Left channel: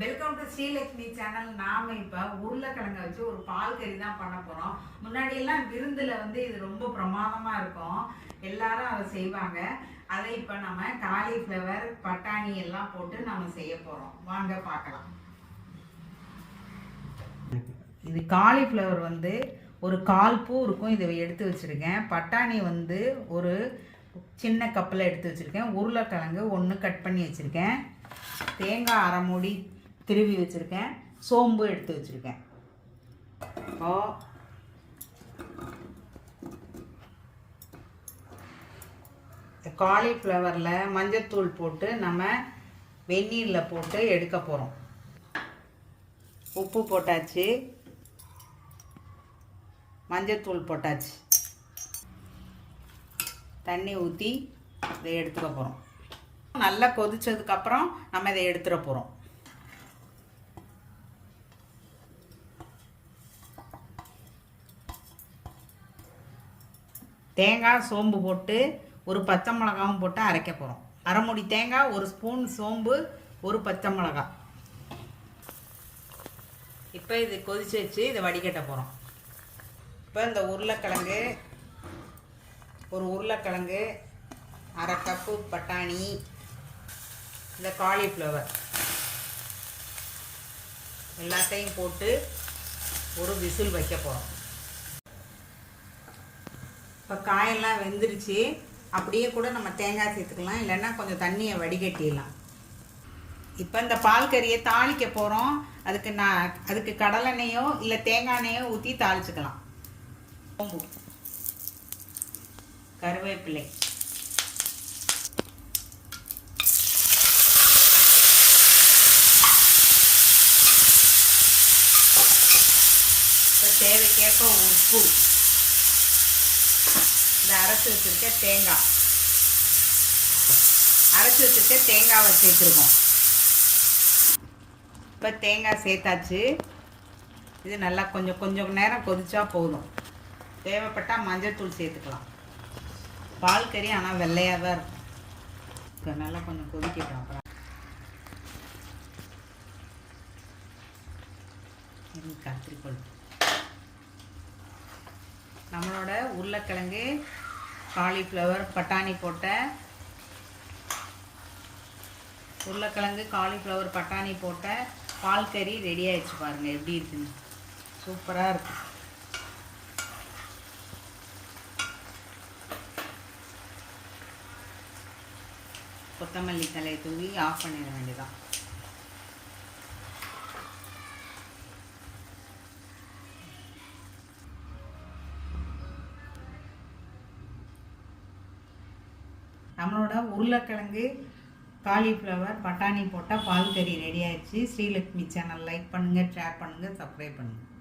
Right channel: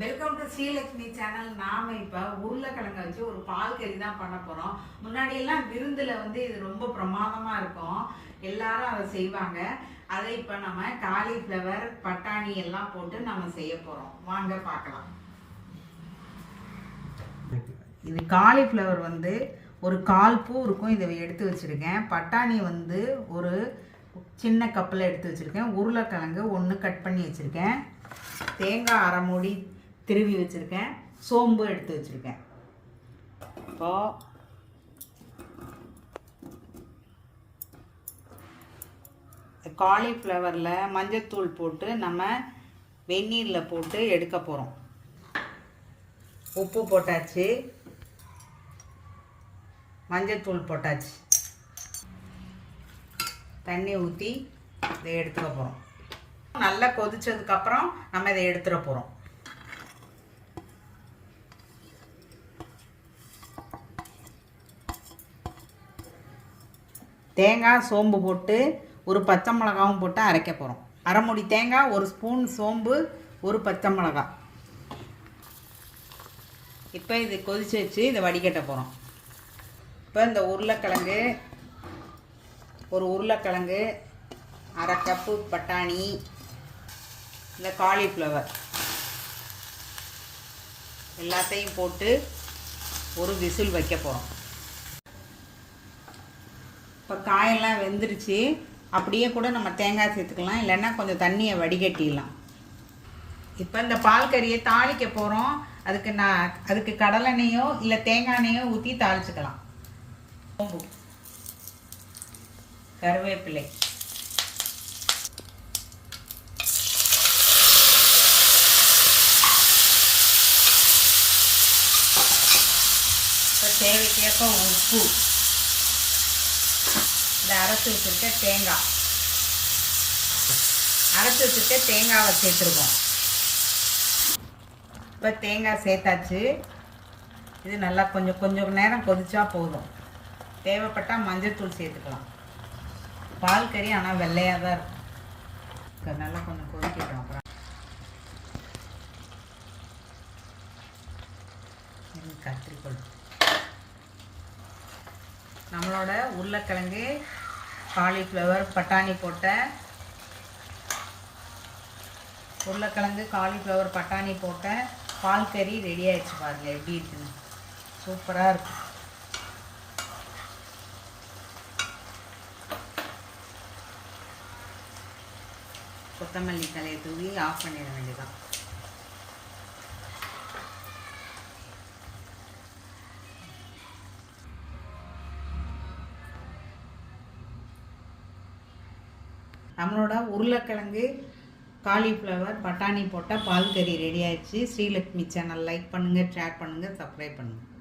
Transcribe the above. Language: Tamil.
Welcome to Srilakshmi channel. நாம இப்ப உருளைக்கிழங்க வச்சு ஒரு பால் கறி தான் பண்ண போறோம். முன்னாடி எல்லாம் விருந்துல இது ரொம்ப பிரமாதமா இருக்கும், எல்லாரும் அதை செய்வாங்க. அதை இப்ப நம்ம காலிஃப்ளவர் பட்டாணி எல்லாம் போட்டு நம்ம செய்ய போறோம். வாங்க பார்க்கலாம். இது காலிஃப்ளவர் ஒரு 1/4 பூ இருக்கும், இதை எடுத்து வச்சிருக்கேன். பட்டாணி ஒரு சின்ன கப்பில் எடுத்து வச்சிருக்கேன். உருளைக்கிழங்கு 1 கட் பண்ணி வச்சிருக்கேன். தேங்காய் 1/2 மூடி திருவி வச்சிருக்கேன். சோம்பு எடுத்து வச்சிருக்கேன். இப்போ காலிஃப்ளவரில் மஞ்சத்தூள் போட்டு நம்ம வெந்நீரில் போட்டு எடுக்க போகிறோம். உப்பு போட்டாச்சு, மஞ்சத்தூள் போட்டாச்சு, தண்ணி ஊற்றி இதை எடுத்துக்க போகிறோம். நல்லா கொதிச்சதுக்கப்புறம் நம்ம இதை எடுத்துட போகிறோம். தேங்காய் சோம்பு போட்டு ஒரு பச்சை மிளகாவும் போட்டு அரைக்க போகிறோம். 1/2 மூடி தேங்காய், 1 ஸ்பூன் சோம்பு, 1 பச்சை மிளகாய். இப்போ இது கொதிச்சு வச்சு இதை வடிகட்ட போகிறோம். இப்போ இந்த உருளைக்கிழங்கு, 1 உருளைக்கிழங்கு, 1/2 கப்பு பட்டாணி, இந்த காலிஃப்ளவர் எல்லாத்தையும் போட்டு ஒரு விசில் வைக்க போகிறோம். இப்போ காயெல்லாம் வெந்துருச்சு. அப்படியே கூட நம்ம தேங்காய் சேர்த்துக்கலாம், இல்லைன்னா கொஞ்சம் தண்ணியை வடிகட்டிடலாம். இப்போ இந்த பால் கறியை தாளிக்க போகிறோம். அதுக்கு கடலெண்ணெயோ இல்லை தேங்காய் எண்ணெயோ ஊற்றி தாளிச்சுக்கலாம். சோம்பு, கருவேப்பிலை, தேவைக்கேற்ப உப்பு, இந்த அரைச்சி வச்சுருக்க தேங்காவை சேர்த்துருக்கோம். இப்போ தேங்காய் சேர்த்தாச்சு. இது நல்லா கொஞ்சம் நேரம் கொதிச்சா போதும். தேவைப்பட்டால் மஞ்சத்தூள் சேர்த்துக்கலாம். பால் கறி ஆனால் வெள்ளையாக தான் இருக்கும். நல்லா கொஞ்சம் கொதிக்கட்டும். அப்புறம் கத்திரிக்கோள், நம்மளோட உருளைக்கிழங்கு, காலிஃப்ளவர், பட்டாணி போட்ட பால் கறி ரெடி ஆயிடுச்சு. பாருங்கள் எப்படி இருக்குன்னு. சூப்பராக இருக்கும். கொத்தமல்லி தலையை தூவி ஆஃப் பண்ணிட வேண்டியதான். நம்மளோட உருளைக்கிழங்கு, காலிஃப்ளவர், பட்டாணி போட்டால் பால் கறி ரெடி ஆயிடுச்சு. ஸ்ரீலக்ஷ்மி சேனல் லைக் பண்ணுங்கள், ஷேர் பண்ணுங்கள், சப்ஸ்கிரைப் பண்ணுங்கள்.